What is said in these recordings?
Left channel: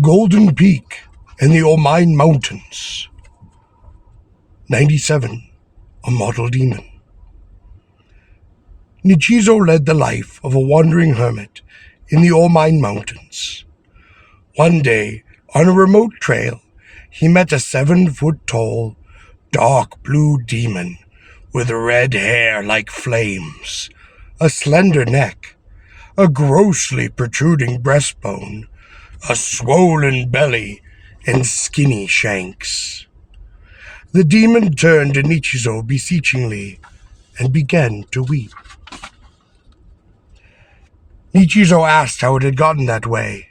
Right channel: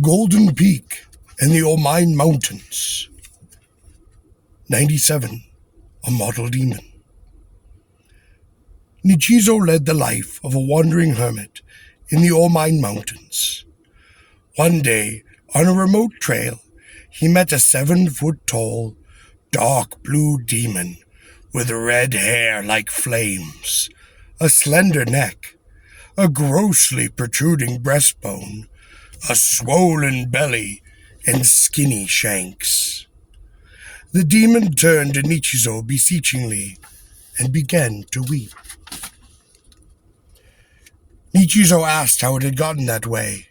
Golden Peak and the Omine Mountains. 97. A Mortal Demon. Nichizo led the life of a wandering hermit in the Omine Mountains. One day, on a remote trail, he met a 7-foot-tall, dark blue demon with red hair like flames, a slender neck, a grossly protruding breastbone, a swollen belly, and skinny shanks. The demon turned to Nichizo beseechingly and began to weep. Nichizo asked how it had gotten that way.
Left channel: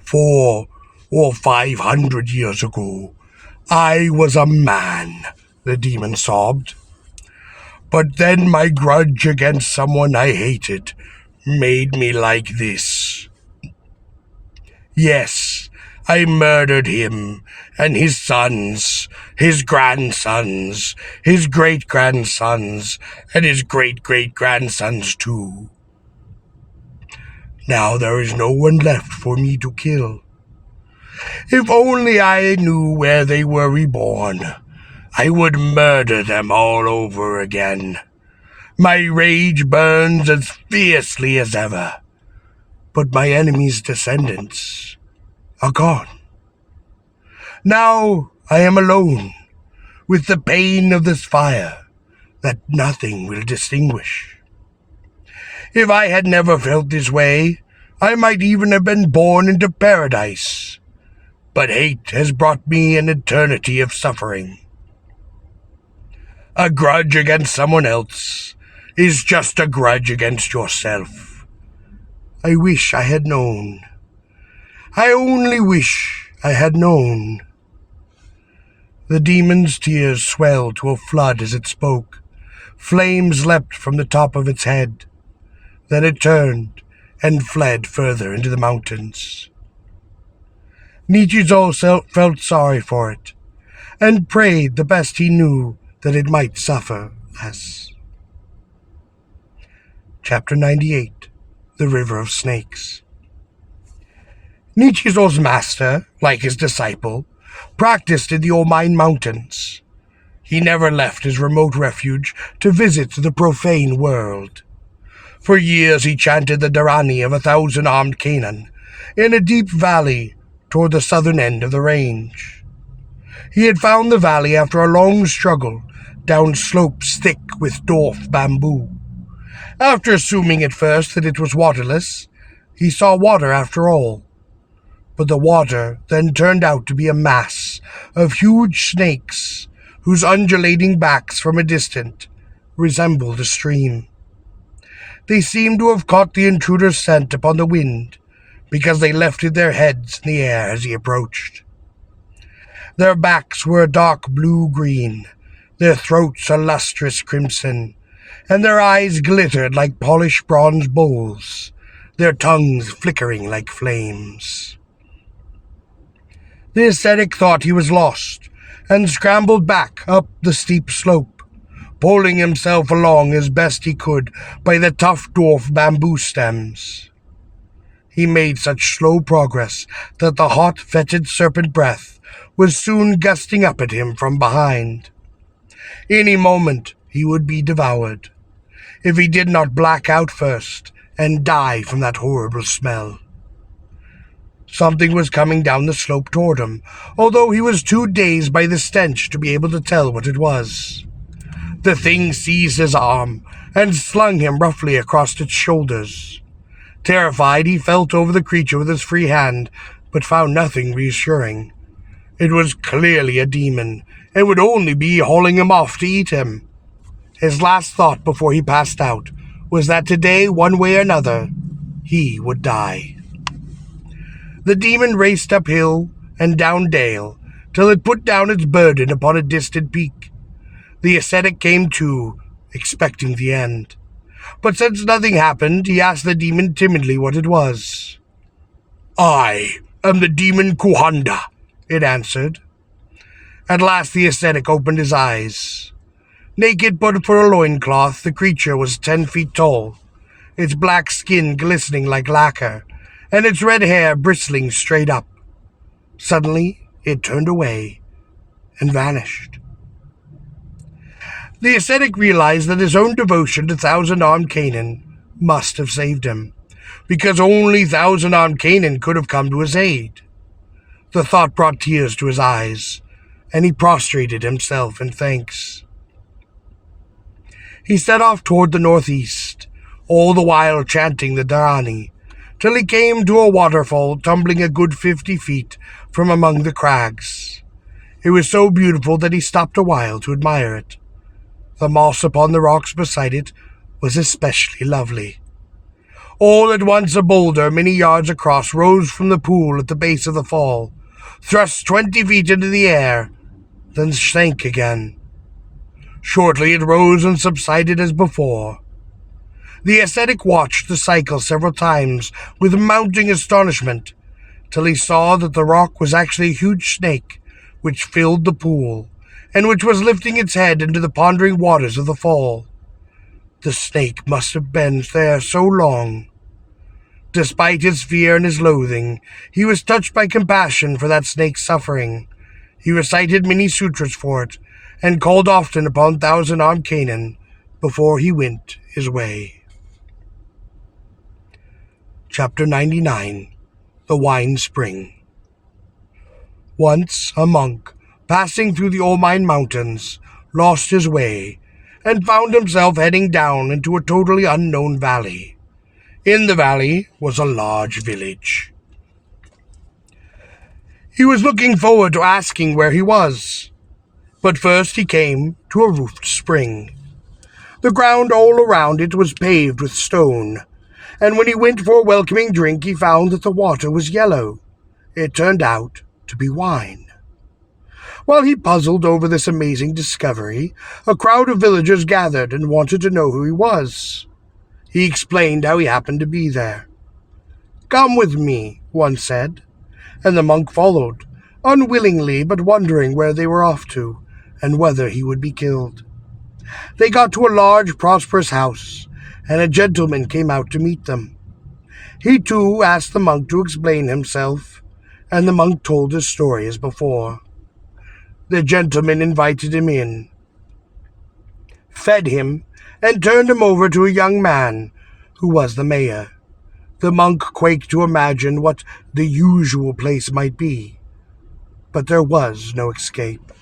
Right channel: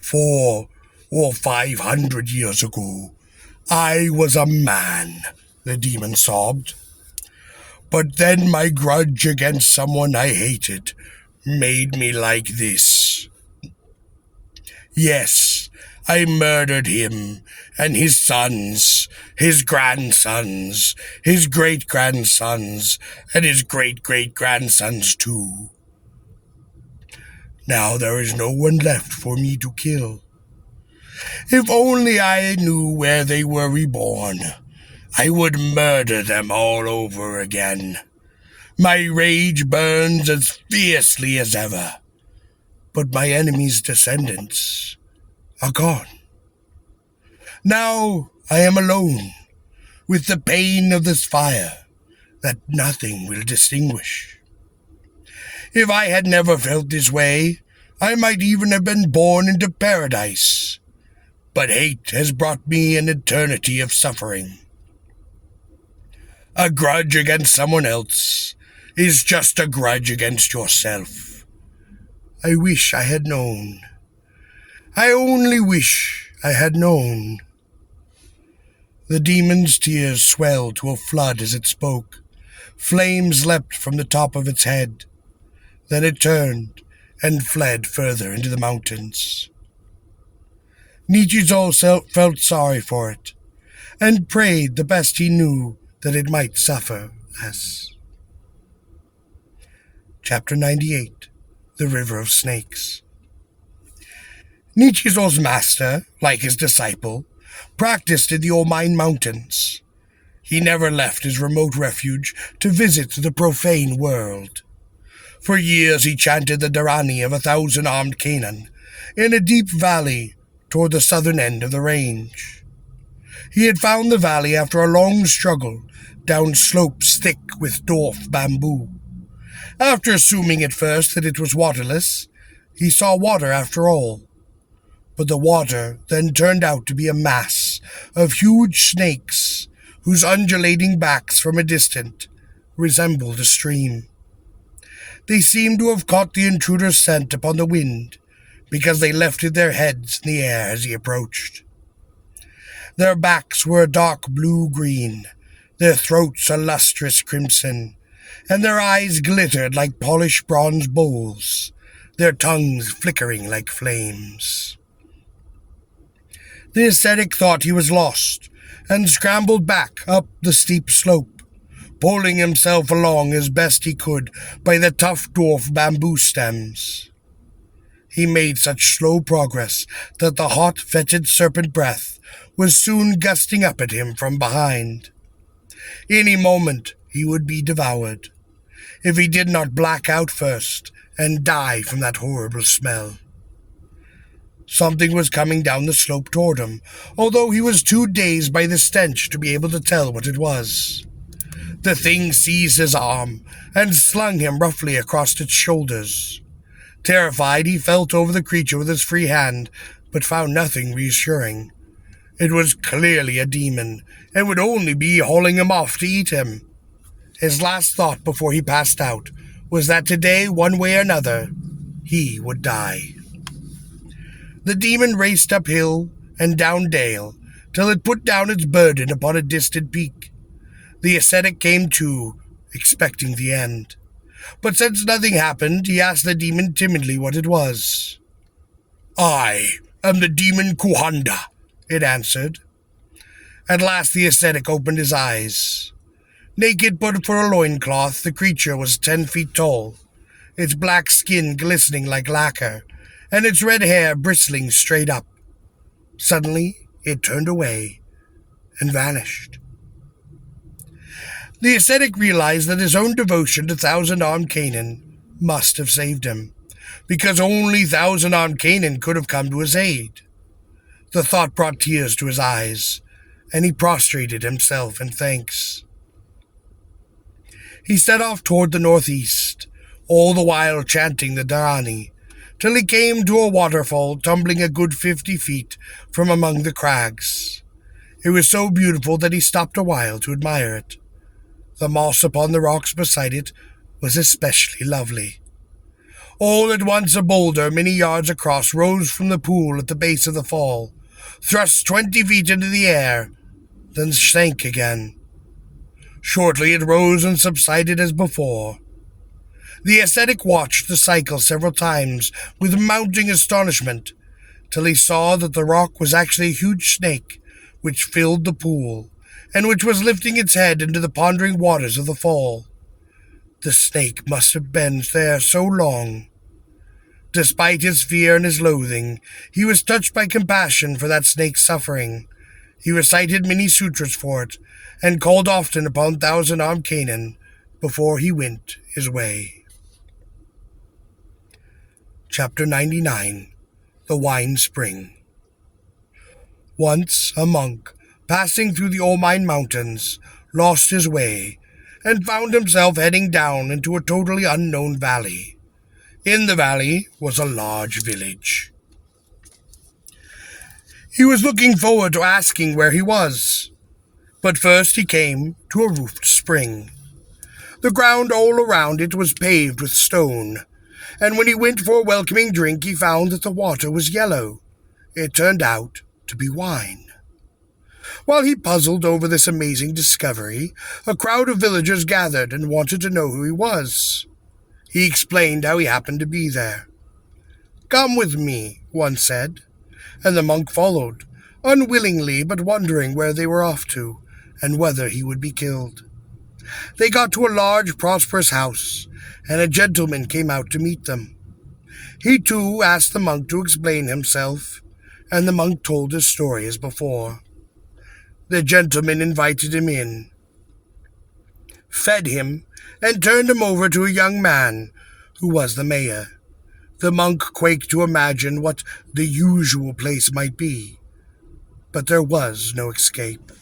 400 or 500 years ago, I was a man, the demon sobbed. But then my grudge against someone I hated made me like this. Yes, I murdered him and his sons, his grandsons, his great-grandsons, and his great-great-grandsons too. Now there is no one left for me to kill. If only I knew where they were reborn, I would murder them all over again. My rage burns as fiercely as ever, but my enemy's descendants are gone. Now I am alone, with the pain of this fire that nothing will distinguish. If I had never felt this way, I might even have been born into paradise. But hate has brought me an eternity of suffering. A grudge against someone else is just a grudge against yourself. I wish I had known. I only wish I had known. The demon's tears swelled to a flood as it spoke. Flames leapt from the top of its head. Then it turned and fled further into the mountains. Nichizo felt sorry for it, and prayed the best he knew that it might suffer less. Chapter 98. The River of Snakes. Nichizo's master, like his disciple, practiced in the Omine Mountains. He never left his remote refuge to visit the profane world. For years he chanted the Dharani of 1,000-armed Canaan in a deep valley toward the southern end of the range. He had found the valley after a long struggle down slopes thick with dwarf bamboo. After assuming at first that it was waterless, he saw water after all. But the water then turned out to be a mass of huge snakes whose undulating backs from a distance resembled a stream. They seemed to have caught the intruder's scent upon the wind, because they lifted their heads in the air as he approached. Their backs were a dark blue-green, their throats a lustrous crimson, and their eyes glittered like polished bronze bowls, their tongues flickering like flames. The ascetic thought he was lost, and scrambled back up the steep slope, pulling himself along as best he could by the tough dwarf bamboo stems. He made such slow progress that the hot, fetid serpent breath was soon gusting up at him from behind. Any moment he would be devoured, if he did not black out first and die from that horrible smell. Something was coming down the slope toward him, although he was too dazed by the stench to be able to tell what it was. The thing seized his arm and slung him roughly across its shoulders. Terrified, he felt over the creature with his free hand, but found nothing reassuring. It was clearly a demon, and would only be hauling him off to eat him. His last thought before he passed out was that today, one way or another, he would die. The demon raced uphill and down dale, till it put down its burden upon a distant peak. The ascetic came to, expecting the end. But since nothing happened, he asked the demon timidly what it was. "I am the demon Kuhanda," it answered. At last the ascetic opened his eyes. Naked but for a loincloth, the creature was 10 feet tall, its black skin glistening like lacquer, and its red hair bristling straight up. Suddenly, it turned away and vanished. The ascetic realized that his own devotion to thousand-armed Canaan must have saved him, because only thousand-armed Canaan could have come to his aid. The thought brought tears to his eyes, and he prostrated himself in thanks. He set off toward the northeast, all the while chanting the Dharani, till he came to a waterfall tumbling a good 50 feet from among the crags. It was so beautiful that he stopped a while to admire it. The moss upon the rocks beside it was especially lovely. All at once a boulder many yards across rose from the pool at the base of the fall, thrust 20 feet into the air, then sank again. Shortly it rose and subsided as before. The ascetic watched the cycle several times with mounting astonishment, till he saw that the rock was actually a huge snake which filled the pool, and which was lifting its head into the pondering waters of the fall. The snake must have been there so long. Despite his fear and his loathing, he was touched by compassion for that snake's suffering. He recited many sutras for it, and called often upon thousand-armed Canaan before he went his way. Chapter 99. The Wine Spring. Once a monk, passing through the Omine mountains, lost his way, and found himself heading down into a totally unknown valley. In the valley was a large village. He was looking forward to asking where he was, but first he came to a roofed spring. The ground all around it was paved with stone, and when he went for a welcoming drink he found that the water was yellow. It turned out to be wine. While he puzzled over this amazing discovery, a crowd of villagers gathered and wanted to know who he was. He explained how he happened to be there. "Come with me," one said, and the monk followed, unwillingly but wondering where they were off to, and whether he would be killed. They got to a large, prosperous house, and a gentleman came out to meet them. He too asked the monk to explain himself, and the monk told his story as before. The gentleman invited him in, fed him, and turned him over to a young man who was the mayor. The monk quaked to imagine what the usual place might be, but there was no escape.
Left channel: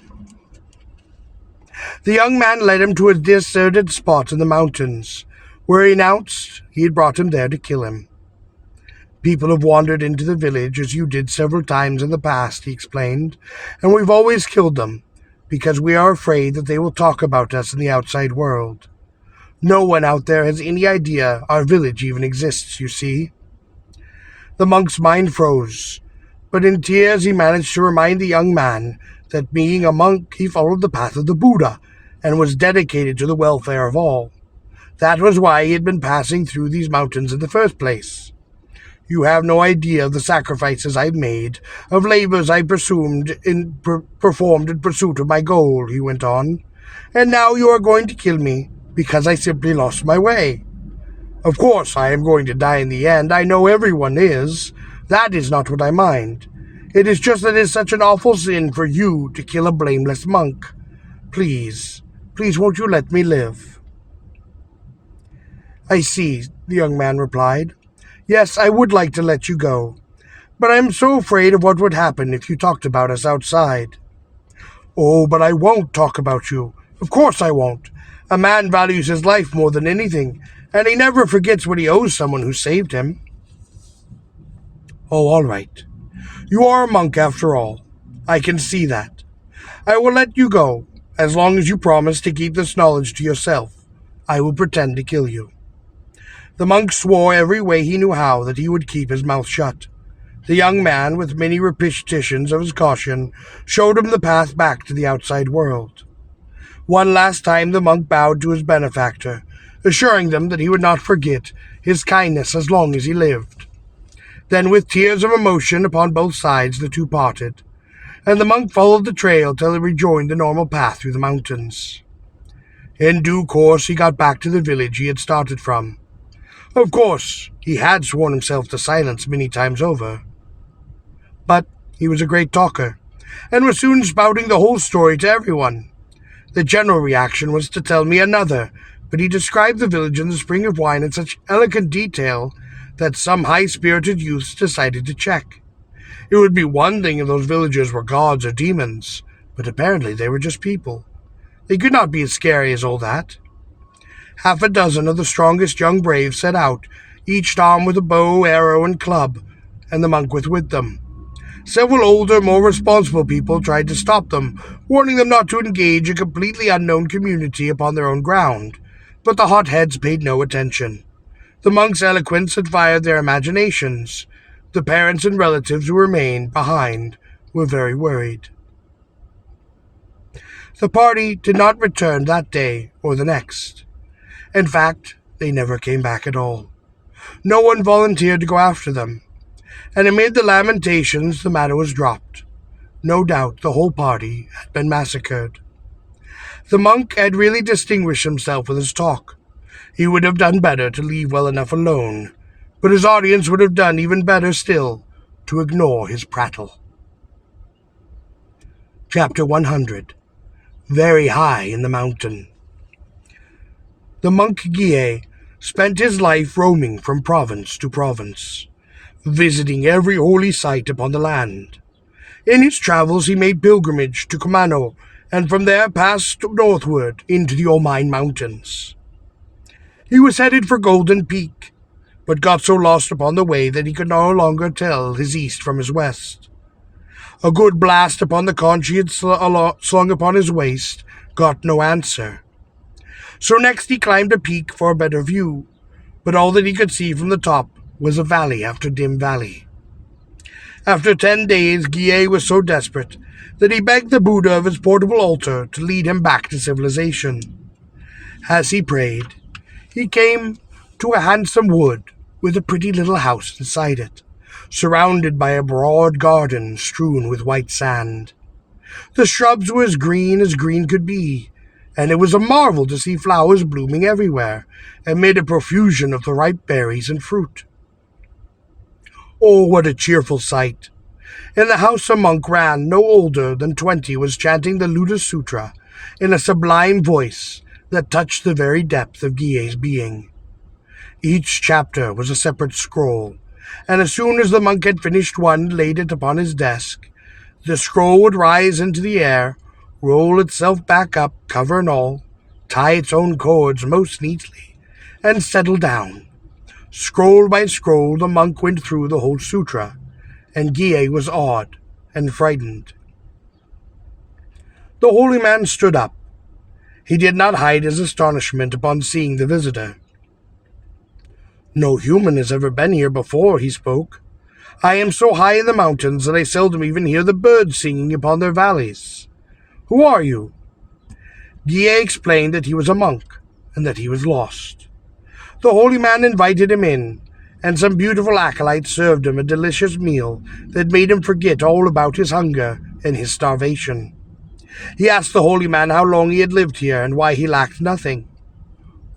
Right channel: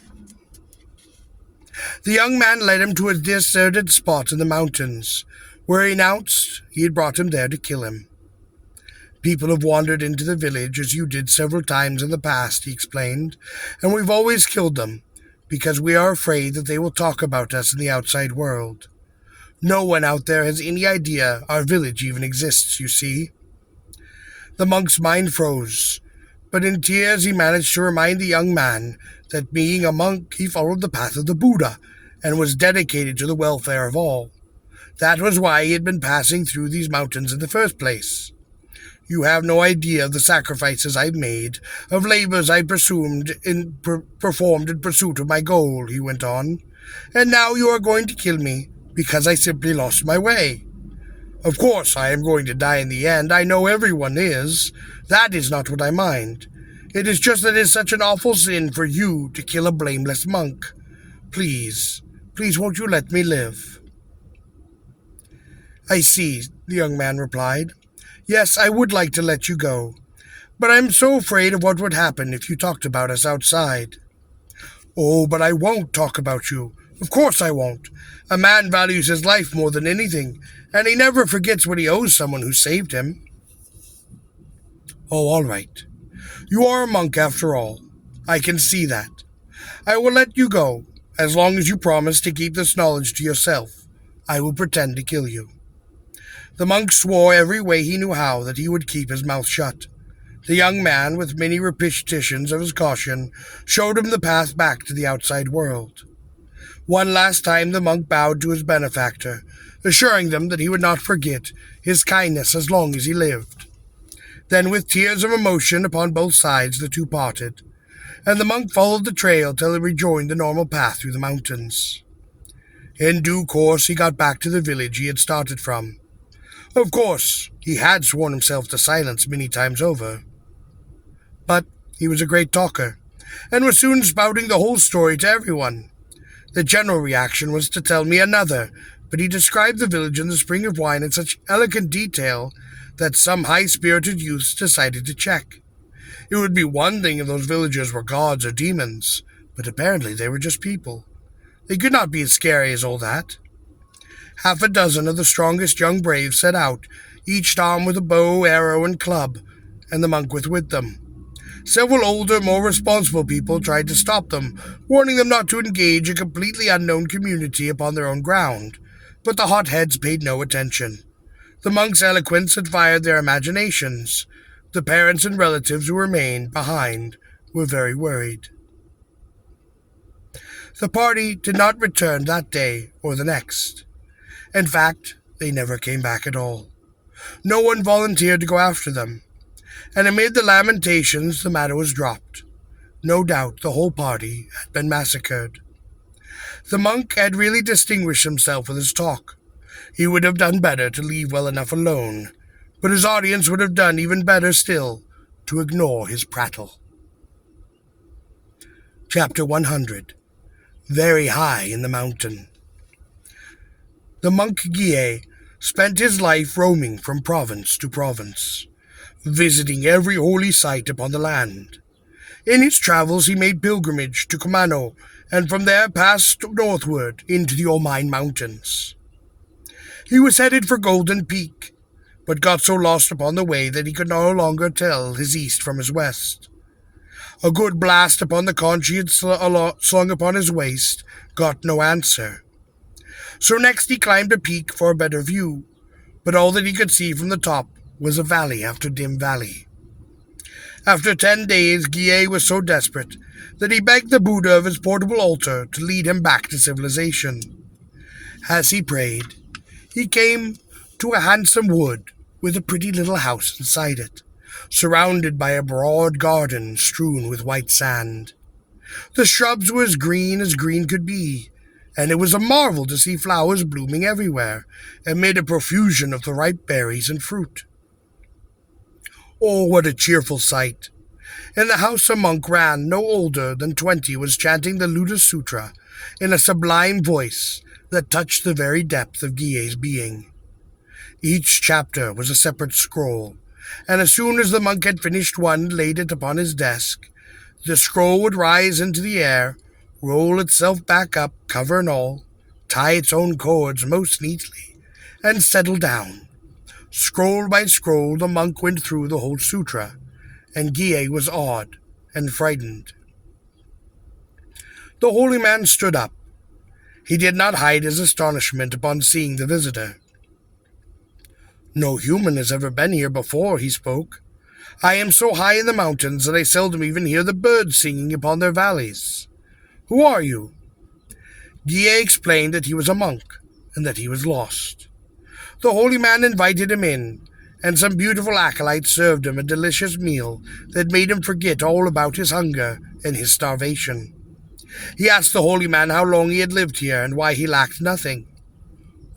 The young man led him to a deserted spot in the mountains, where he announced he had brought him there to kill him. "People have wandered into the village as you did several times in the past," he explained, "and we've always killed them, because we are afraid that they will talk about us in the outside world. No one out there has any idea our village even exists, you see." The monk's mind froze, but in tears he managed to remind the young man that being a monk he followed the path of the Buddha and was dedicated to the welfare of all. That was why he had been passing through these mountains in the first place. "You have no idea of the sacrifices I've made, of labors I performed in pursuit of my goal," he went on. "And now you are going to kill me because I simply lost my way. Of course I am going to die in the end, I know everyone is. That is not what I mind. It is just that it is such an awful sin for you to kill a blameless monk. Please won't you let me live?" "I see," the young man replied. "Yes, I would like to let you go, but I am so afraid of what would happen if you talked about us outside." "Oh, but I won't talk about you. Of course I won't. A man values his life more than anything, and he never forgets what he owes someone who saved him." "Oh, all right. You are a monk after all. I can see that. I will let you go, as long as you promise to keep this knowledge to yourself. I will pretend to kill you." The monk swore every way he knew how that he would keep his mouth shut. The young man, with many repetitions of his caution, showed him the path back to the outside world. One last time the monk bowed to his benefactor, assuring them that he would not forget his kindness as long as he lived. Then, with tears of emotion upon both sides, the two parted, and the monk followed the trail till he rejoined the normal path through the mountains. In due course he got back to the village he had started from. Of course, he had sworn himself to silence many times over. But he was a great talker, and was soon spouting the whole story to everyone. The general reaction was to tell me another, but he described the village and the spring of wine in such elegant detail that some high-spirited youths decided to check. It would be one thing if those villagers were gods or demons, but apparently they were just people. They could not be as scary as all that. Half a dozen of the strongest young braves set out, each armed with a bow, arrow, and club, and the monk was with them. Several older, more responsible people tried to stop them, warning them not to engage a completely unknown community upon their own ground, but the hotheads paid no attention. The monk's eloquence had fired their imaginations. The parents and relatives who remained behind were very worried. The party did not return that day or the next. In fact, they never came back at all. No one volunteered to go after them, and amid the lamentations the matter was dropped. No doubt the whole party had been massacred. The monk had really distinguished himself with his talk. He would have done better to leave well enough alone, but his audience would have done even better still to ignore his prattle. Chapter 100. Very high in the mountain. The monk Guille spent his life roaming from province to province, visiting every holy site upon the land. In his travels he made pilgrimage to Comano, and from there passed northward into the Omine mountains. He was headed for Golden Peak, but got so lost upon the way that he could no longer tell his east from his west. A good blast upon the conch he had slung upon his waist got no answer. So next he climbed a peak for a better view, but all that he could see from the top was a valley after dim valley. After 10 days, Guille was so desperate that he begged the Buddha of his portable altar to lead him back to civilization. As he prayed, he came to a handsome wood with a pretty little house inside it, surrounded by a broad garden strewn with white sand. The shrubs were as green could be, and it was a marvel to see flowers blooming everywhere, amid a profusion of the ripe berries and fruit. Oh, what a cheerful sight! In the house a monk ran, no older than 20, was chanting the Lotus Sutra in a sublime voice that touched the very depth of Guille's being. Each chapter was a separate scroll, and as soon as the monk had finished one and laid it upon his desk, the scroll would rise into the air, roll itself back up, cover and all, tie its own cords most neatly, and settle down. Scroll by scroll the monk went through the whole sutra, and Guille was awed and frightened. The holy man stood up. He did not hide his astonishment upon seeing the visitor. "No human has ever been here before," he spoke. "I am so high in the mountains that I seldom even hear the birds singing upon their valleys. Who are you?" Guille explained that he was a monk, and that he was lost. The holy man invited him in, and some beautiful acolytes served him a delicious meal that made him forget all about his hunger and his starvation. He asked the holy man how long he had lived here, and why he lacked nothing.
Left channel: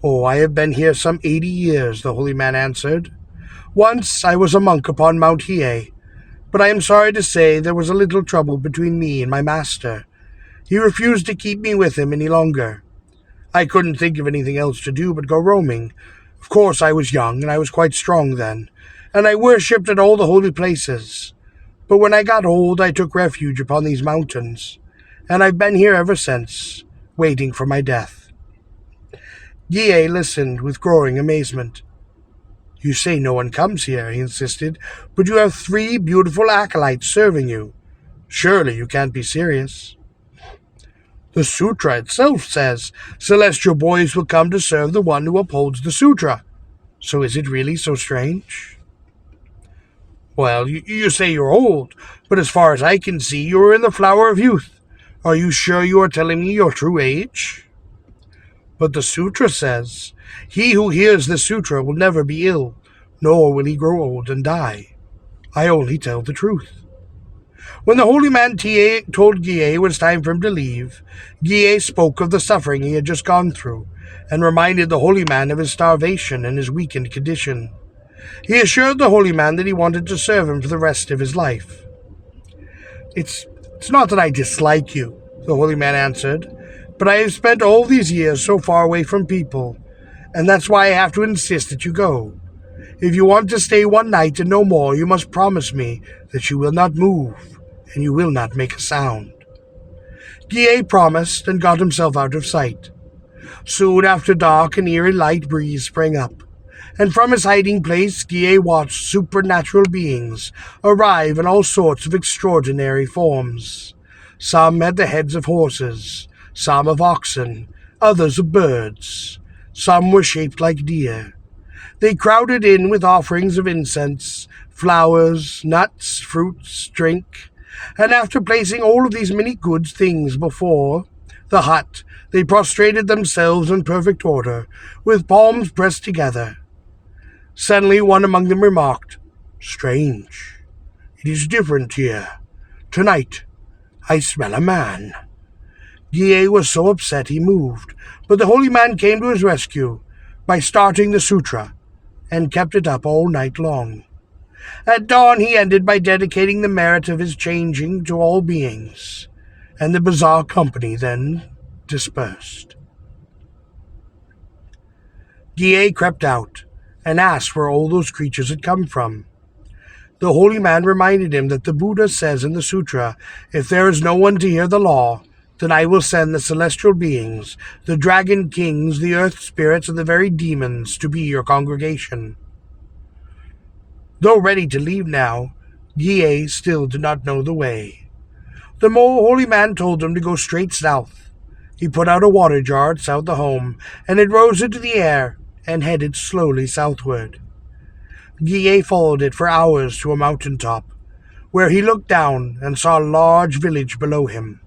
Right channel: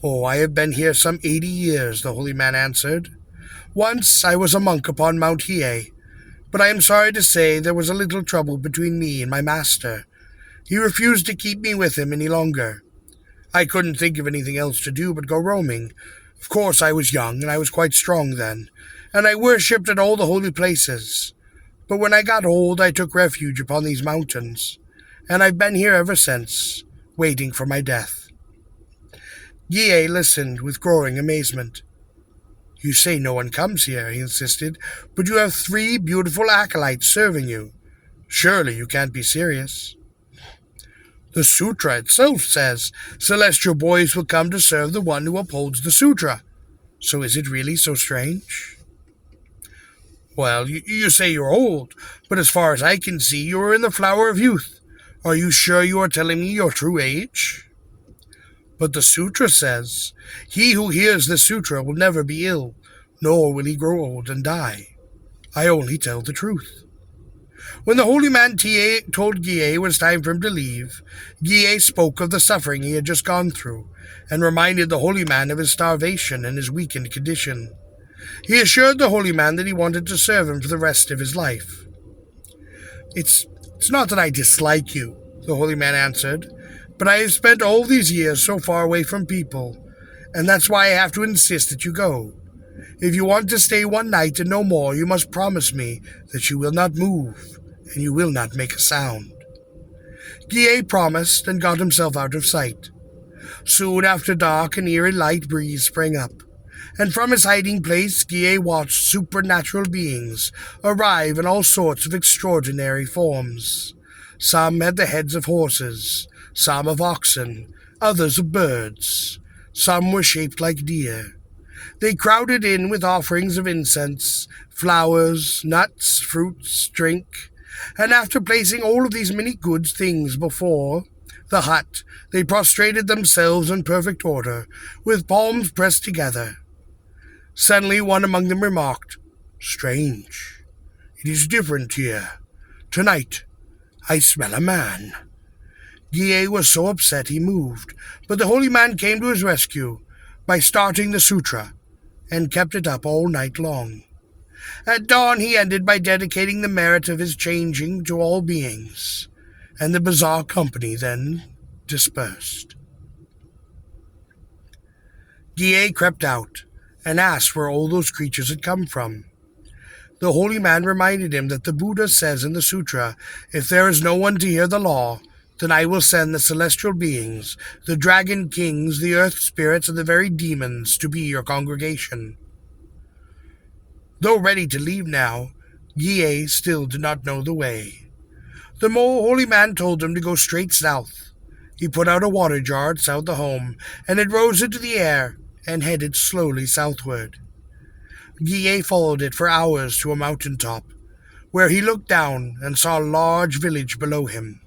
"Oh, I have been here some 80 years, the holy man answered. "Once I was a monk upon Mount Hiei, but I am sorry to say there was a little trouble between me and my master. He refused to keep me with him any longer. I couldn't think of anything else to do but go roaming. Of course I was young, and I was quite strong then, and I worshipped at all the holy places. But when I got old, I took refuge upon these mountains, and I've been here ever since, waiting for my death." Guille listened with growing amazement. "You say no one comes here," he insisted, "but you have 3 beautiful acolytes serving you. Surely you can't be serious." "The sutra itself says celestial boys will come to serve the one who upholds the sutra. So is it really so strange?" "Well, you say you're old, but as far as I can see, you are in the flower of youth. Are you sure you are telling me your true age?" "But the sutra says, he who hears the sutra will never be ill, nor will he grow old and die. I only tell the truth." When the holy man told Guille it was time for him to leave, Guille spoke of the suffering he had just gone through, and reminded the holy man of his starvation and his weakened condition. He assured the holy man that he wanted to serve him for the rest of his life. It's not that I dislike you, the holy man answered, but I have spent all these years so far away from people, and that's why I have to insist that you go. If you want to stay one night and no more, you must promise me that you will not move, and you will not make a sound. Guillet promised and got himself out of sight. Soon after dark, an eerie light breeze sprang up, and from his hiding place Guillet watched supernatural beings arrive in all sorts of extraordinary forms. Some had the heads of horses, some of oxen, others of birds. Some were shaped like deer. They crowded in with offerings of incense, flowers, nuts, fruits, drink, and after placing all of these many good things before the hut, they prostrated themselves in perfect order, with palms pressed together. Suddenly one among them remarked, "Strange. It is different here. Tonight, I smell a man." Guillet was so upset he moved, but the holy man came to his rescue by starting the sutra, and kept it up all night long. At dawn he ended by dedicating the merit of his changing to all beings, and the bizarre company then dispersed. Guillet crept out and asked where all those creatures had come from. The holy man reminded him that the Buddha says in the sutra, "If there is no one to hear the law, then I will send the celestial beings, the dragon kings, the earth spirits, and the very demons to be your congregation." Though ready to leave now, Guillet still did not know the way. The holy man told him to go straight south. He put out a water jar outside the home, and it rose into the air and headed slowly southward. Guillet followed it for hours to a mountain top, where he looked down and saw a large village below him.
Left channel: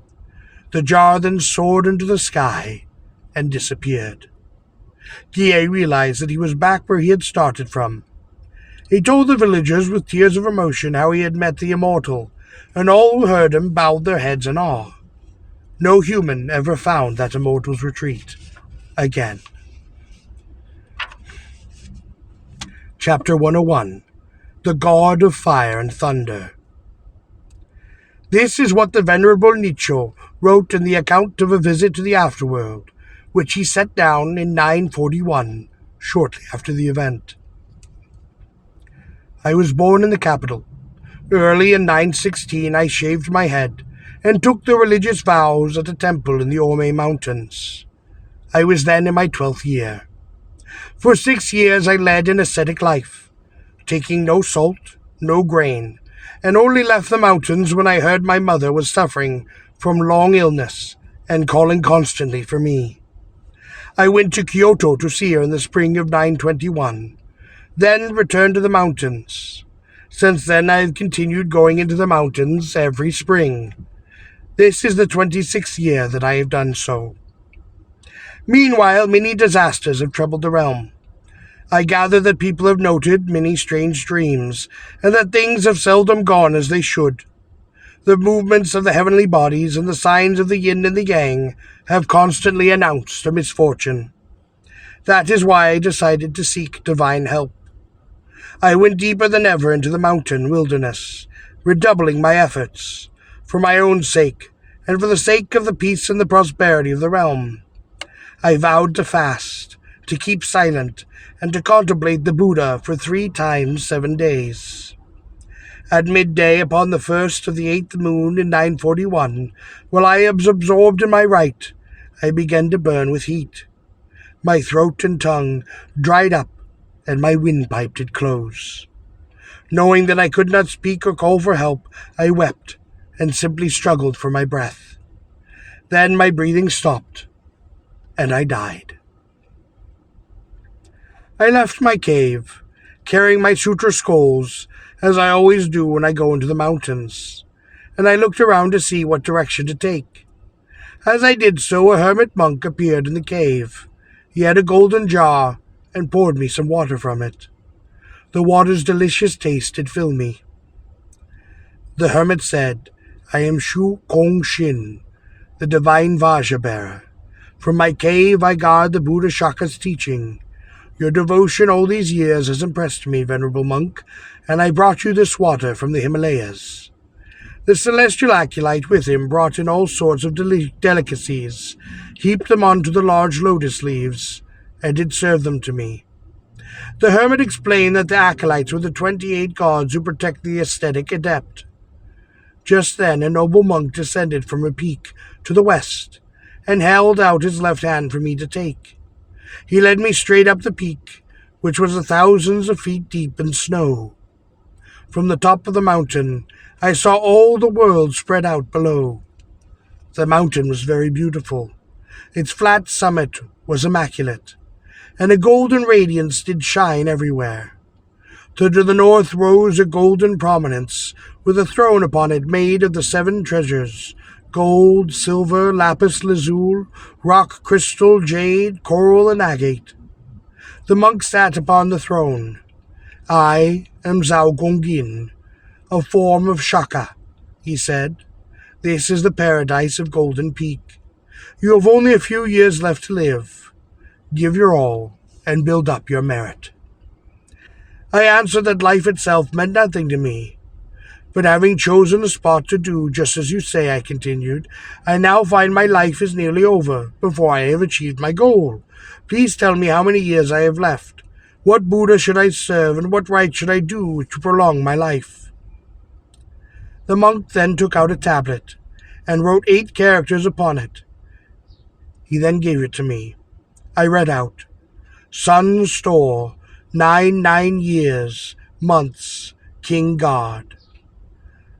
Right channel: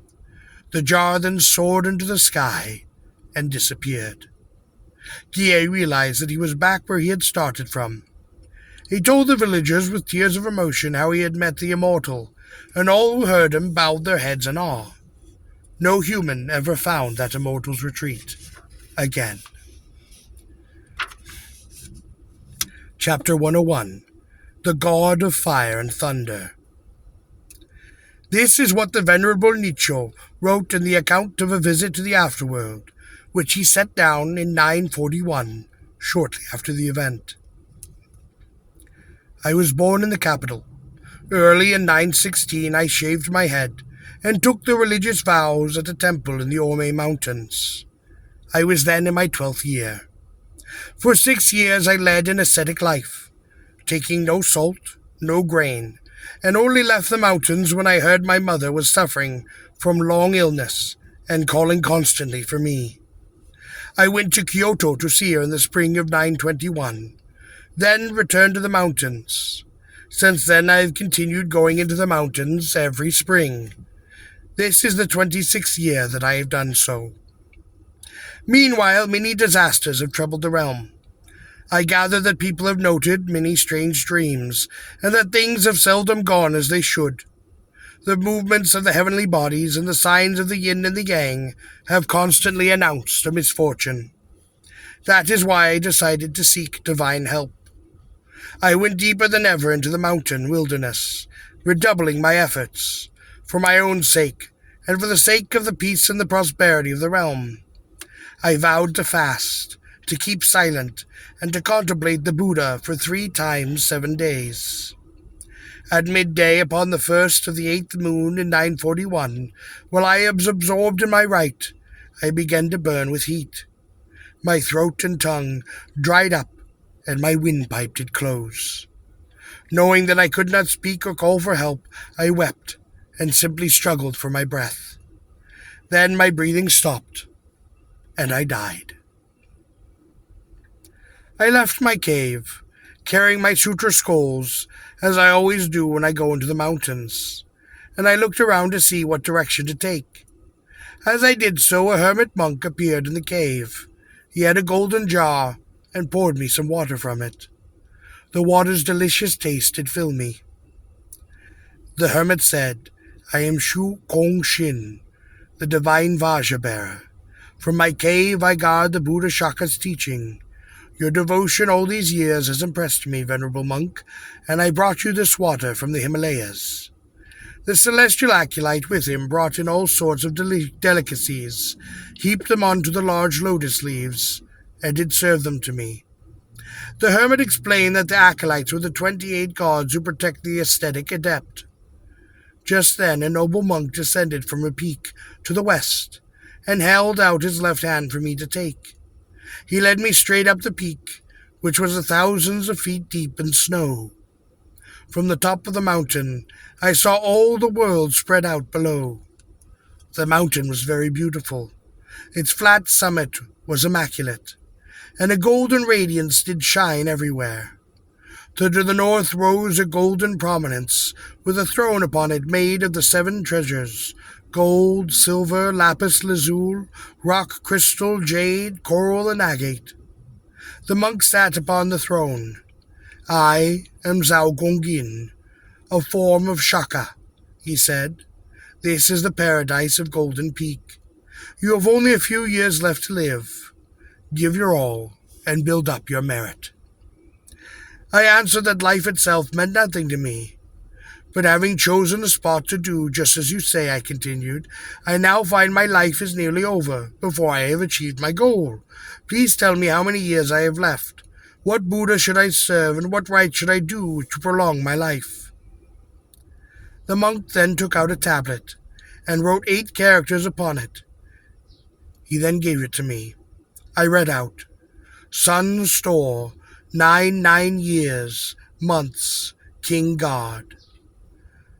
The jar then soared into the sky and disappeared. Guillet realized that he was back where he had started from. He told the villagers with tears of emotion how he had met the immortal, and all who heard him bowed their heads in awe. No human ever found that immortal's retreat again. Chapter 101. The God of Fire and Thunder. This is what the Venerable Nicho wrote in the account of a visit to the afterworld, which he set down in 941, shortly after the event. I was born in the capital. Early in 916 I shaved my head and took the religious vows at a temple in the Omine mountains. I was then in my 12th year. For 6 years I led an ascetic life, taking no salt, no grain, and only left the mountains when I heard my mother was suffering from long illness and calling constantly for me. I went to Kyoto to see her in the spring of 921, then returned to the mountains. Since then I have continued going into the mountains every spring. This is the 26th year that I have done so. Meanwhile, many disasters have troubled the realm. I gather that people have noted many strange dreams, and that things have seldom gone as they should. The movements of the heavenly bodies and the signs of the yin and the yang have constantly announced a misfortune. That is why I decided to seek divine help. I went deeper than ever into the mountain wilderness, redoubling my efforts, for my own sake, and for the sake of the peace and the prosperity of the realm. I vowed to fast, to keep silent, and to contemplate the Buddha for 3 times 7 days. At midday upon the 1st of the 8th moon in 941, while I was absorbed in my rite, I began to burn with heat. My throat and tongue dried up, and my windpipe did close. Knowing that I could not speak or call for help, I wept and simply struggled for my breath. Then my breathing stopped, and I died. I left my cave, carrying my sutra scrolls, as I always do when I go into the mountains, and I looked around to see what direction to take. As I did so, a hermit monk appeared in the cave. He had a golden jar and poured me some water from it. The water's delicious taste had filled me. The hermit said, "I am Shu Kong Shin, the divine Vajra bearer. From my cave I guard the Buddha Shaka's teaching. Your devotion all these years has impressed me, venerable monk, and I brought you this water from the Himalayas." The celestial acolyte with him brought in all sorts of delicacies, heaped them onto the large lotus leaves, and did serve them to me. The hermit explained that the acolytes were the 28 gods who protect the aesthetic adept. Just then a noble monk descended from a peak to the west, and held out his left hand for me to take. He led me straight up the peak, which was thousands of feet deep in snow. From the top of the mountain, I saw all the world spread out below. The mountain was very beautiful. Its flat summit was immaculate, and a golden radiance did shine everywhere. To the north rose a golden prominence, with a throne upon it made of the 7 treasures: gold, silver, lapis lazuli, rock crystal, jade, coral, and agate. The monk sat upon the throne. "I am Zhao Gongin, a form of Shaka," he said. "This is the paradise of Golden Peak. You have only a few years left to live. Give your all and build up your merit." I answered that life itself meant nothing to me. "But having chosen a spot to do just as you say," I continued, "I now find my life is nearly over before I have achieved my goal. Please tell me how many years I have left. What Buddha should I serve, and what rite should I do to prolong my life?" The monk then took out a tablet and wrote 8 characters upon it. He then gave it to me. I read out, "Sun store, 9 years, months, King God."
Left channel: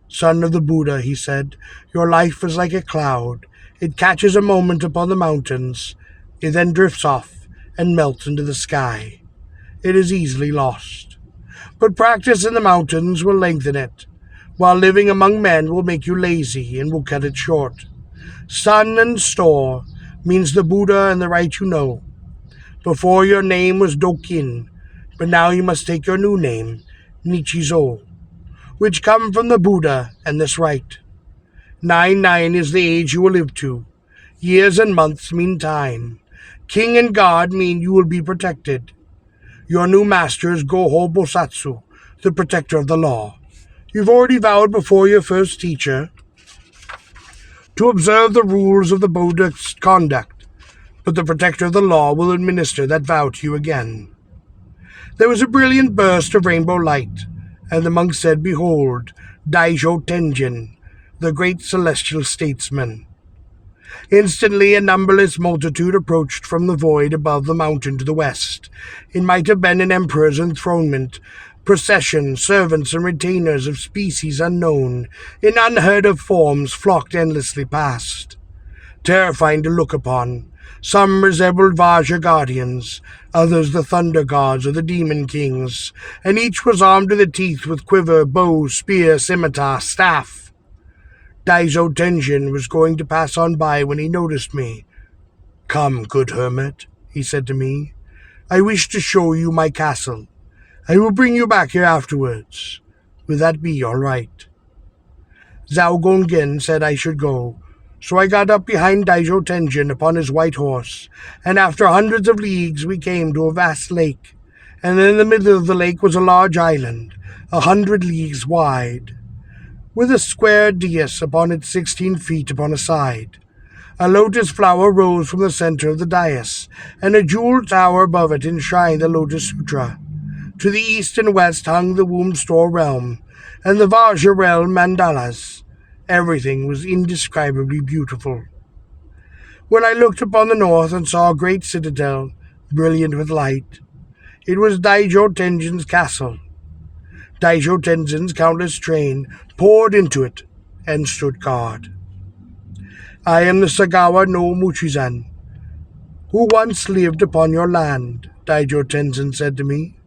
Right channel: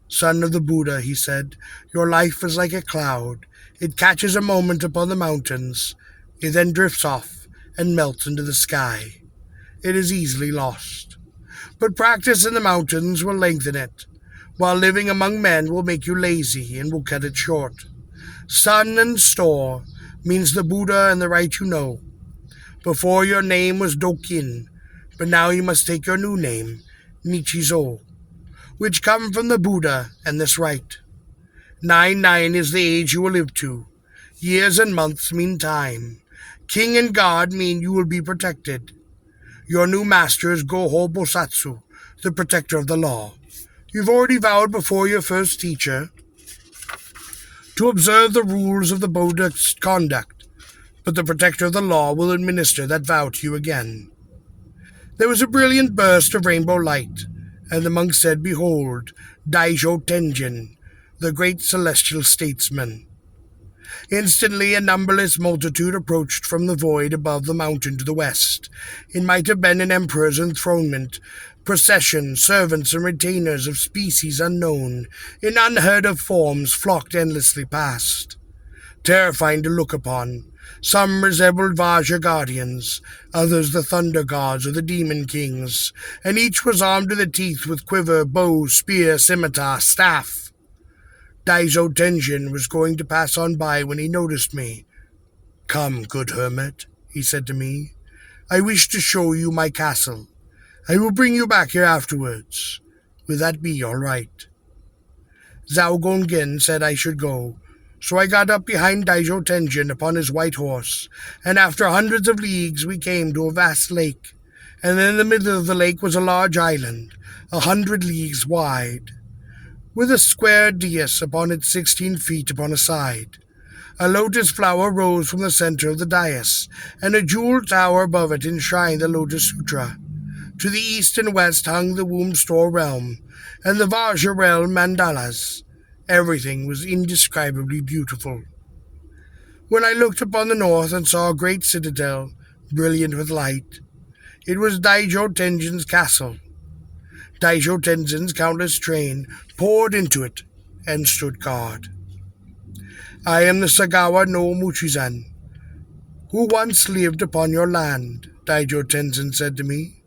"Son of the Buddha," he said, "your life is like a cloud. It catches a moment upon the mountains. It then drifts off and melts into the sky. It is easily lost. But practice in the mountains will lengthen it, while living among men will make you lazy and will cut it short. Sun and store means the Buddha and the rite you know. Before your name was Dokin, but now you must take your new name, Nichizo, which come from the Buddha and this rite. 9 is the age you will live to. Years and months mean time. King and God mean you will be protected. Your new master is Goho Bosatsu, the protector of the law. You've already vowed before your first teacher to observe the rules of the Buddha's conduct, but the protector of the law will administer that vow to you again." There was a brilliant burst of rainbow light, and the monk said, "Behold, Daijo Tenjin, the great celestial statesman." Instantly a numberless multitude approached from the void above the mountain to the west. It might have been an emperor's enthronement, procession, servants and retainers of species unknown, in unheard-of forms flocked endlessly past. Terrifying to look upon, some resembled Vajra guardians, others the thunder gods or the demon kings, and each was armed to the teeth with quiver, bow, spear, scimitar, staff. Daijo Tenjin was going to pass on by when he noticed me. "Come, good hermit," he said to me. "I wish to show you my castle. I will bring you back here afterwards. Will that be all right?" Zhao Gonggen said I should go, so I got up behind Daijo Tenjin upon his white horse, and after hundreds of leagues we came to a vast lake, and in the middle of the lake was a large island, 100 leagues wide, with a square dais upon it 16 feet upon a side. A lotus flower rose from the center of the dais, and a jeweled tower above it enshrined the Lotus Sutra. To the east and west hung the womb store realm, and the Vajra realm mandalas. Everything was indescribably beautiful. When I looked upon the north and saw a great citadel, brilliant with light, it was Daijo Tenjin's castle. Daijo Tenjin's countless train poured into it and stood guard. "I am the Sagawa no Muchizan, who once lived upon your land," Daijo Tenzin said to me.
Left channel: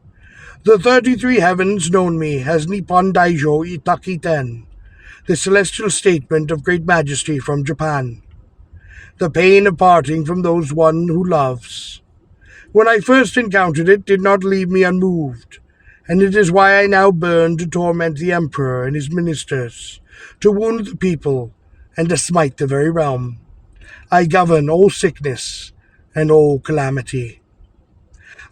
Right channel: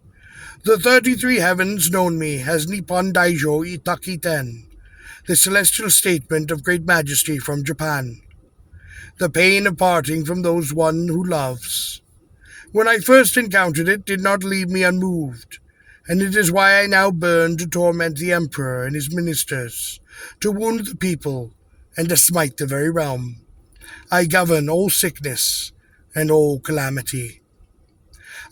"The 33 heavens known me as Nippon Daijo Itakiten, the celestial statement of great majesty from Japan. The pain of parting from those one who loves. When I first encountered it did not leave me unmoved, and it is why I now burn to torment the emperor and his ministers, to wound the people, and to smite the very realm. I govern all sickness and all calamity.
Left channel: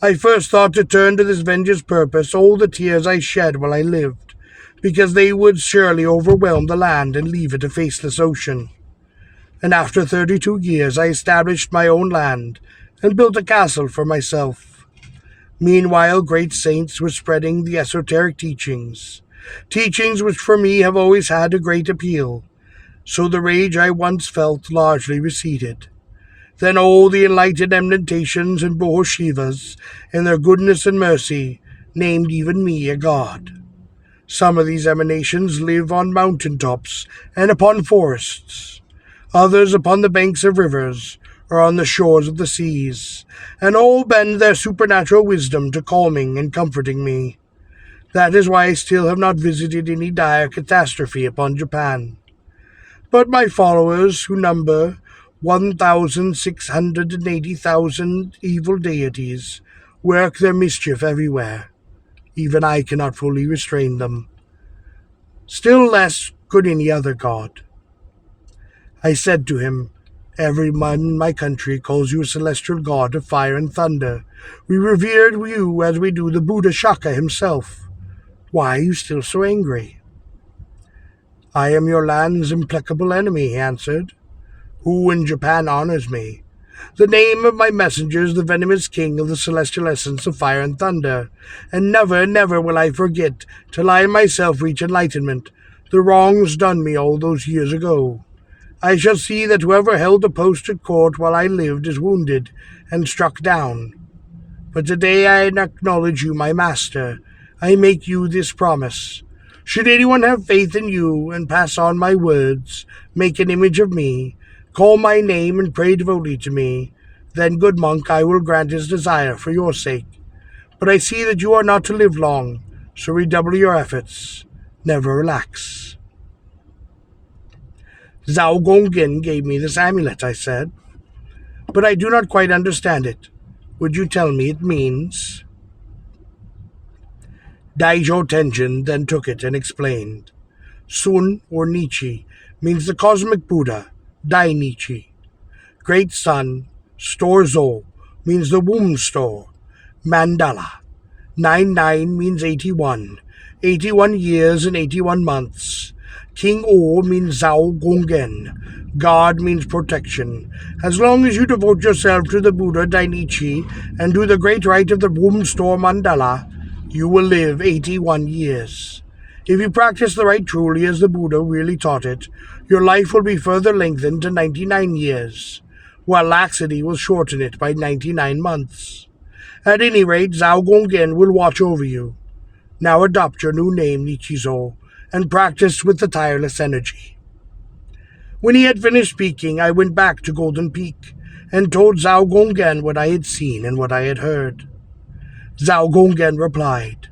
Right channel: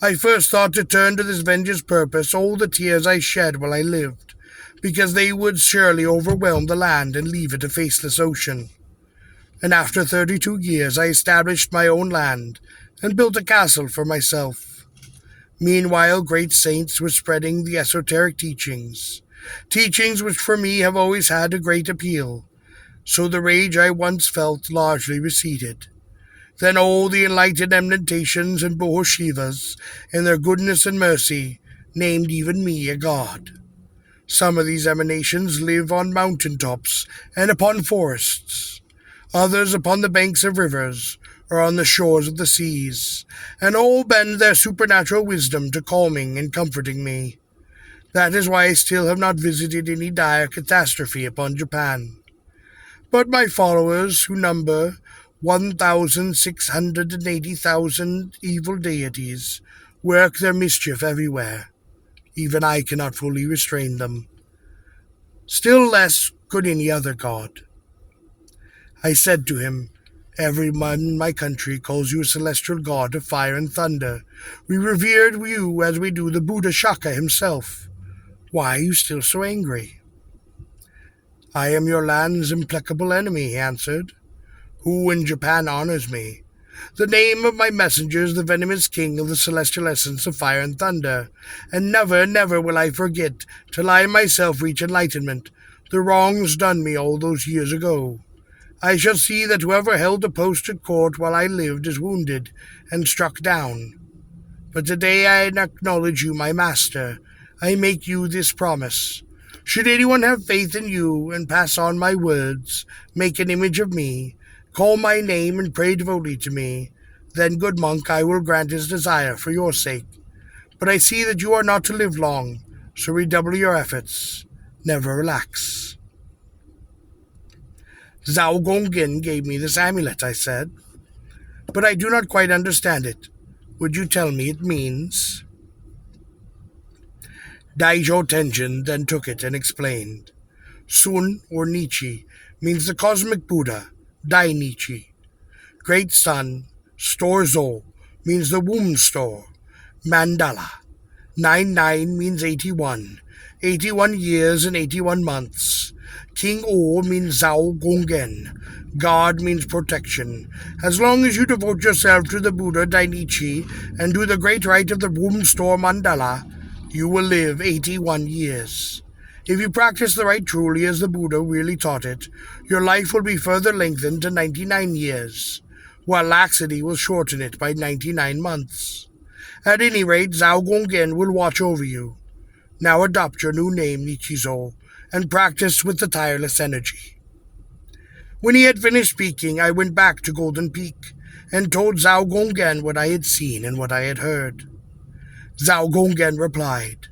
I first thought to turn to this vengeance purpose all the tears I shed while I lived, because they would surely overwhelm the land and leave it a faceless ocean. And after 32 years I established my own land and built a castle for myself. Meanwhile, great saints were spreading the esoteric teachings which for me have always had a great appeal, so the rage I once felt largely receded. Then all the enlightened emanations and Bohoshivas, in their goodness and mercy, named even me a god. Some of these emanations live on mountain tops and upon forests, others upon the banks of rivers or on the shores of the seas, and all bend their supernatural wisdom to calming and comforting me. That is why I still have not visited any dire catastrophe upon Japan. But my followers, who number 1,680,000 evil deities, work their mischief everywhere. Even I cannot fully restrain them. Still less could any other god. I said to him, "Everyone in my country calls you a celestial god of fire and thunder. We revered you as we do the Buddha Shaka himself. Why are you still so angry?" "I am your land's implacable enemy," he answered. "Who in Japan honors me? The name of my messenger is the venomous king of the celestial essence of fire and thunder, and never, never will I forget, till I myself reach enlightenment, the wrongs done me all those years ago. I shall see that whoever held a post at court while I lived is wounded and struck down. But today I acknowledge you my master. I make you this promise. Should anyone have faith in you and pass on my words, make an image of me, call my name and pray devotedly to me, then, good monk, I will grant his desire for your sake. But I see that you are not to live long, so redouble your efforts. Never relax." "Zhao Gonggen gave me this amulet," I said, "but I do not quite understand it. Would you tell me it means?" Daijo Tenjin then took it and explained. Sun, or Nietzsche, means the cosmic Buddha, Dai Nietzsche. Great Sun, Store Zo, means the womb store, Mandala. 99 means 81, 81 years and 81 months. King O means Zhao Gonggen. God means protection. As long as you devote yourself to the Buddha Dainichi and do the great rite of the womb store Mandala, you will live 81 years. If you practice the rite truly as the Buddha really taught it, your life will be further lengthened to 99 years, while laxity will shorten it by 99 months. At any rate, Zhao Gonggen will watch over you. Now adopt your new name, Nichizo, and practice with the tireless energy." When he had finished speaking, I went back to Golden Peak and told Zhao Gonggen what I had seen and what I had heard. Zhao Gonggen replied,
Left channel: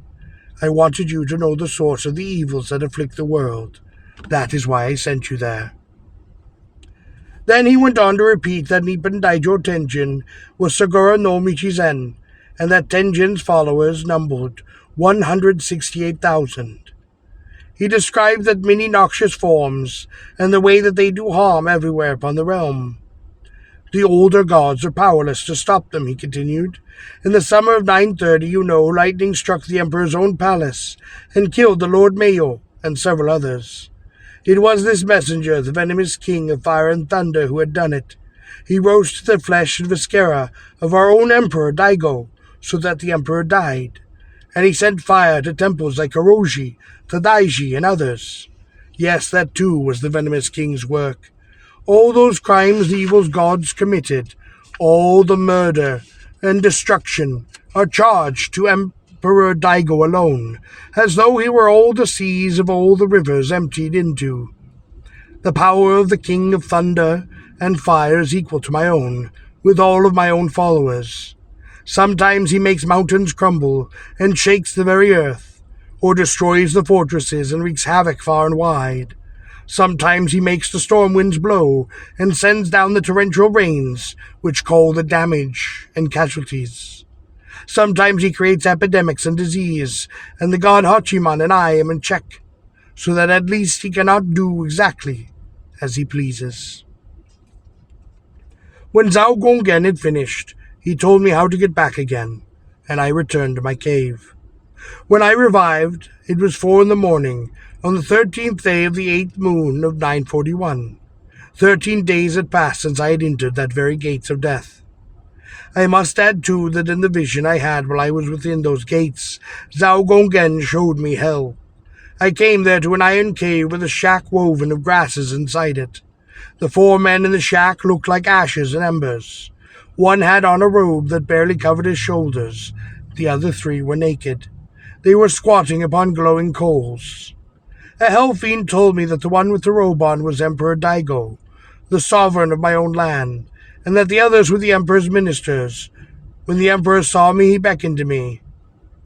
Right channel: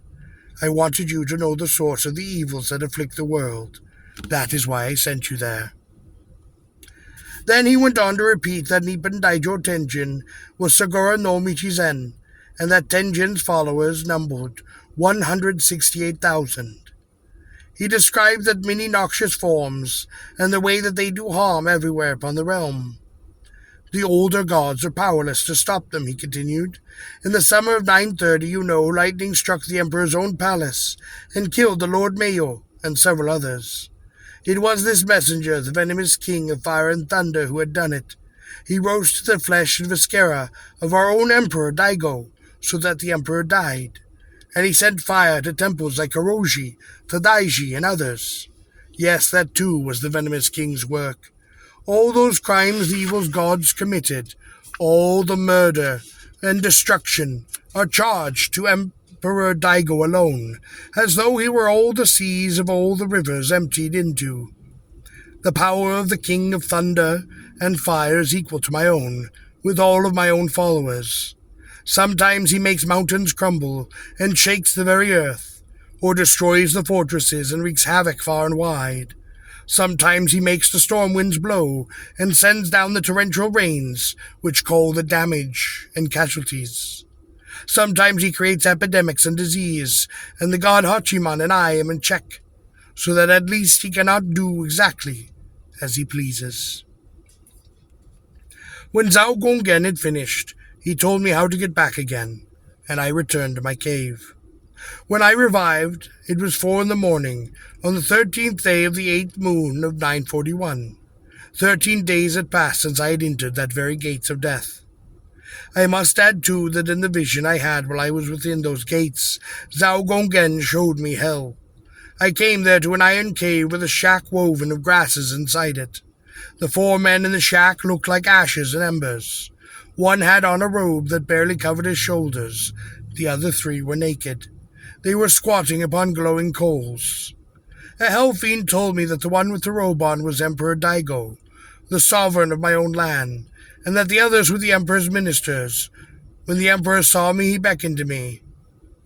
"I wanted you to know the source of the evils that afflict the world. That is why I sent you there." Then he went on to repeat that Nippon Daijo Tenjin was Sagura no Michizen, and that Tenjin's followers numbered 168,000. He described that many noxious forms, and the way that they do harm everywhere upon the realm. The older gods are powerless to stop them, he continued. In the summer of 930, lightning struck the emperor's own palace, and killed the Lord Mayo and several others. It was this messenger, the venomous king of fire and thunder, who had done it. He roasted the flesh and viscera of our own emperor Daigo, so that the emperor died. And he sent fire to temples like Oroji, Tadaiji, and others. Yes, that too was the venomous king's work. All those crimes the evil gods committed, all the murder and destruction, are charged to Emperor Daigo alone, as though he were all the seas of all the rivers emptied into. The power of the king of thunder and fire is equal to my own, with all of my own followers. Sometimes he makes mountains crumble and shakes the very earth, or destroys the fortresses and wreaks havoc far and wide. Sometimes he makes the storm winds blow and sends down the torrential rains, which cause the damage and casualties. Sometimes he creates epidemics and disease, and the god Hachiman and I am in check, so that at least he cannot do exactly as he pleases. When Zhao Gonggen had finished, he told me how to get back again, and I returned to my cave. When I revived, it was 4 in the morning, on the 13th day of the 8th moon of 941. 13 days had passed since I had entered that very gates of death. I must add, too, that in the vision I had while I was within those gates, Zhao Gonggen showed me hell. I came there to an iron cave with a shack woven of grasses inside it. The 4 men in the shack looked like ashes and embers. One had on a robe that barely covered his shoulders. The other 3 were naked. They were squatting upon glowing coals. A hell fiend told me that the one with the robe on was Emperor Daigo, the sovereign of my own land, and that the others were the Emperor's ministers. When the Emperor saw me, he beckoned to me.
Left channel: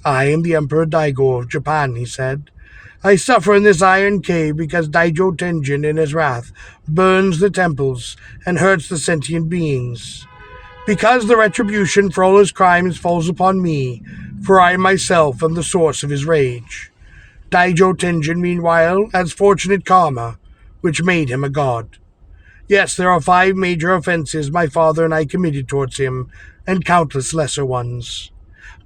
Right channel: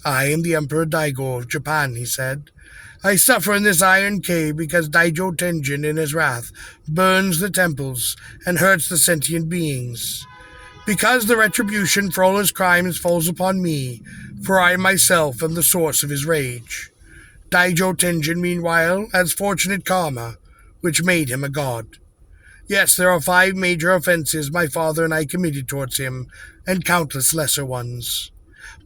"I am the Emperor Daigo of Japan," he said. "I suffer in this iron cave because Daijo Tenjin, in his wrath, burns the temples and hurts the sentient beings. Because the retribution for all his crimes falls upon me, for I myself am the source of his rage. Daijo Tenjin, meanwhile, has fortunate karma, which made him a god. Yes, there are 5 major offenses my father and I committed towards him, and countless lesser ones.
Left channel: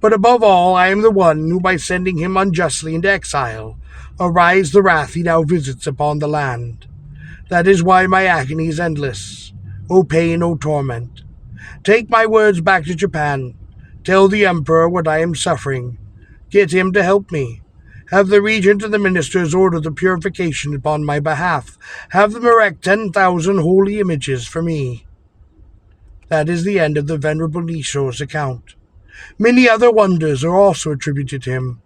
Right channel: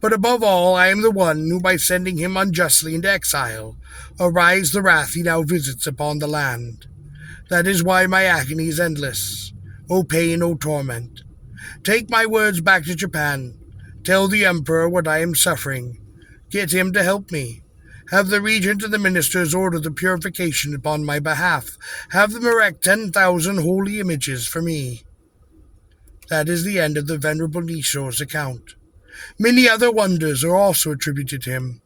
But above all, I am the one who, by sending him unjustly into exile, aroused the wrath he now visits upon the land. That is why my agony is endless. O pain, O torment. Take my words back to Japan. Tell the Emperor what I am suffering. Get him to help me. Have the regent and the ministers order the purification upon my behalf. Have them erect 10,000 holy images for me." That is the end of the Venerable Nisho's account. Many other wonders are also attributed to him.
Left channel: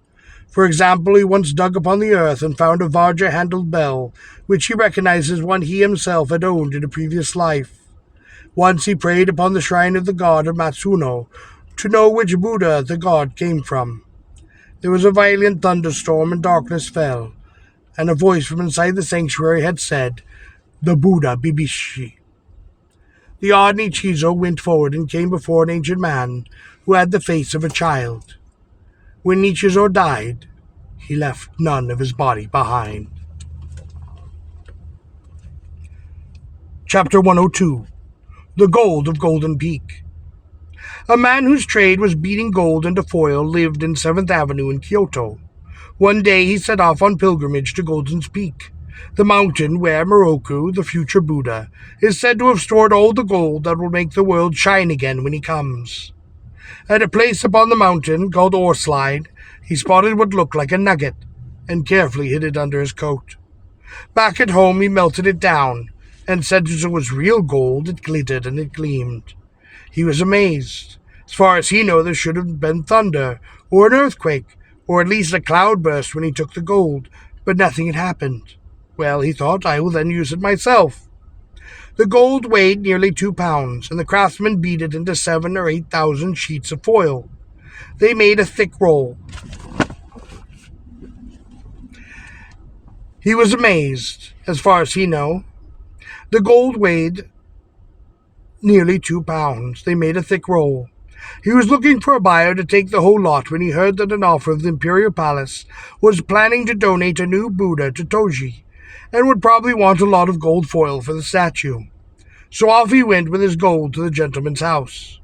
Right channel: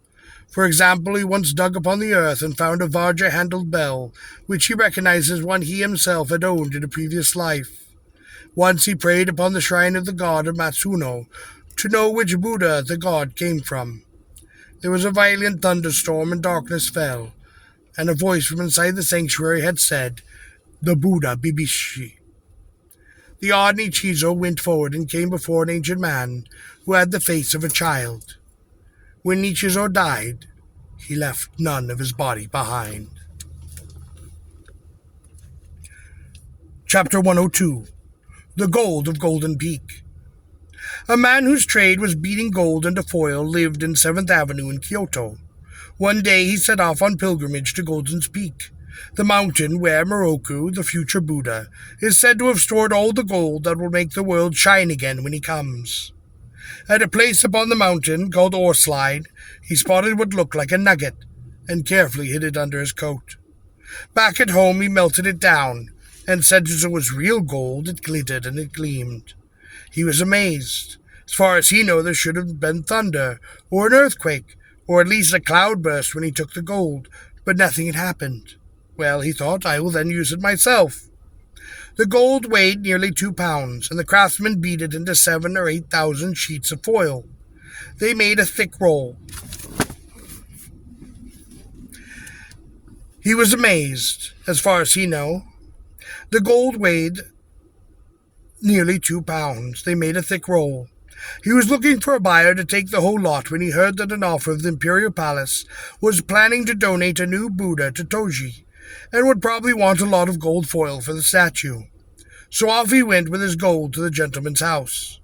For example, he once dug upon the earth and found a Vajra-handled bell, which he recognized as one he himself had owned in a previous life. Once he prayed upon the shrine of the god of Matsuno to know which Buddha the god came from. There was a violent thunderstorm and darkness fell, and a voice from inside the sanctuary had said, "The Buddha Bibishi." The odd Nichizo went forward and came before an ancient man who had the face of a child. When Nichizo died, he left none of his body behind. Chapter 102. The Gold of Golden Peak. A man whose trade was beating gold into foil lived in 7th Avenue in Kyoto. One day he set off on pilgrimage to Golden's Peak, the mountain where Moroku, the future Buddha, is said to have stored all the gold that will make the world shine again when he comes. At a place upon the mountain called Oreslide, he spotted what looked like a nugget and carefully hid it under his coat. Back at home he melted it down, and since it was real gold, it glittered and it gleamed. He was amazed. As far as he knew, there should have been thunder, or an earthquake, or at least a cloudburst when he took the gold, but nothing had happened. Well, he thought, I will then use it myself. The gold weighed nearly 2 pounds, and the craftsman beat it into 7,000 or 8,000 sheets of foil. They made a thick roll. He was amazed, as far as he knew. The gold weighed nearly 2 pounds. They made a thick roll. He was looking for a buyer to take the whole lot when he heard that an offer of the Imperial Palace was planning to donate a new Buddha to Toji, and would probably want a lot of gold foil for the statue. So off he went with his gold to the gentleman's house.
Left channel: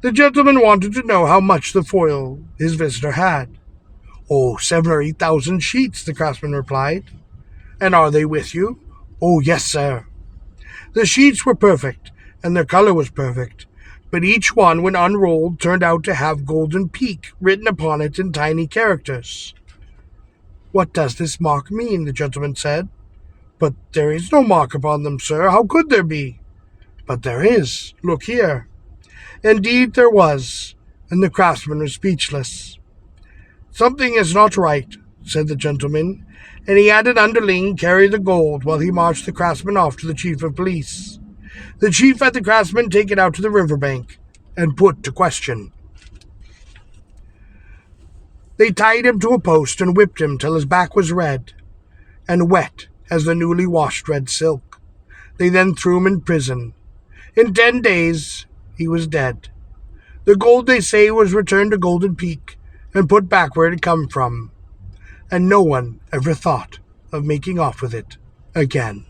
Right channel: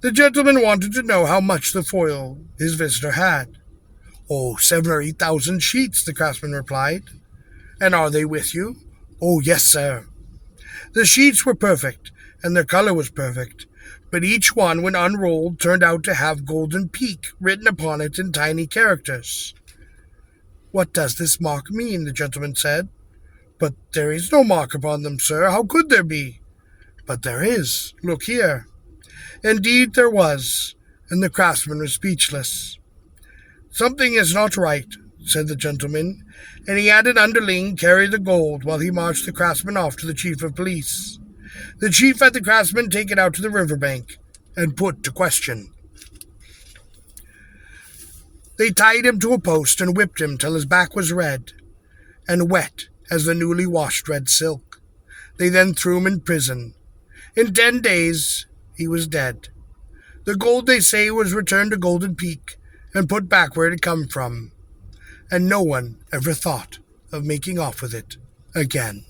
The gentleman wanted to know how much the foil his visitor had. "Oh, 7,000 or 8,000 sheets," the craftsman replied. "And are they with you?" "Oh, yes, sir." The sheets were perfect, and their color was perfect, but each one, when unrolled, turned out to have Golden Peak written upon it in tiny characters. "What does this mark mean?" the gentleman said. "But there is no mark upon them, sir. How could there be?" "But there is. Look here." Indeed there was, and the craftsman was speechless. "Something is not right," said the gentleman, and he had an underling carry the gold while he marched the craftsman off to the chief of police. The chief had the craftsman taken out to the riverbank and put to question. They tied him to a post and whipped him till his back was red and wet as the newly washed red silk. They then threw him in prison. In 10 days he was dead. The gold, they say, was returned to Golden Peak and put back where it had come from, and no one ever thought of making off with it again.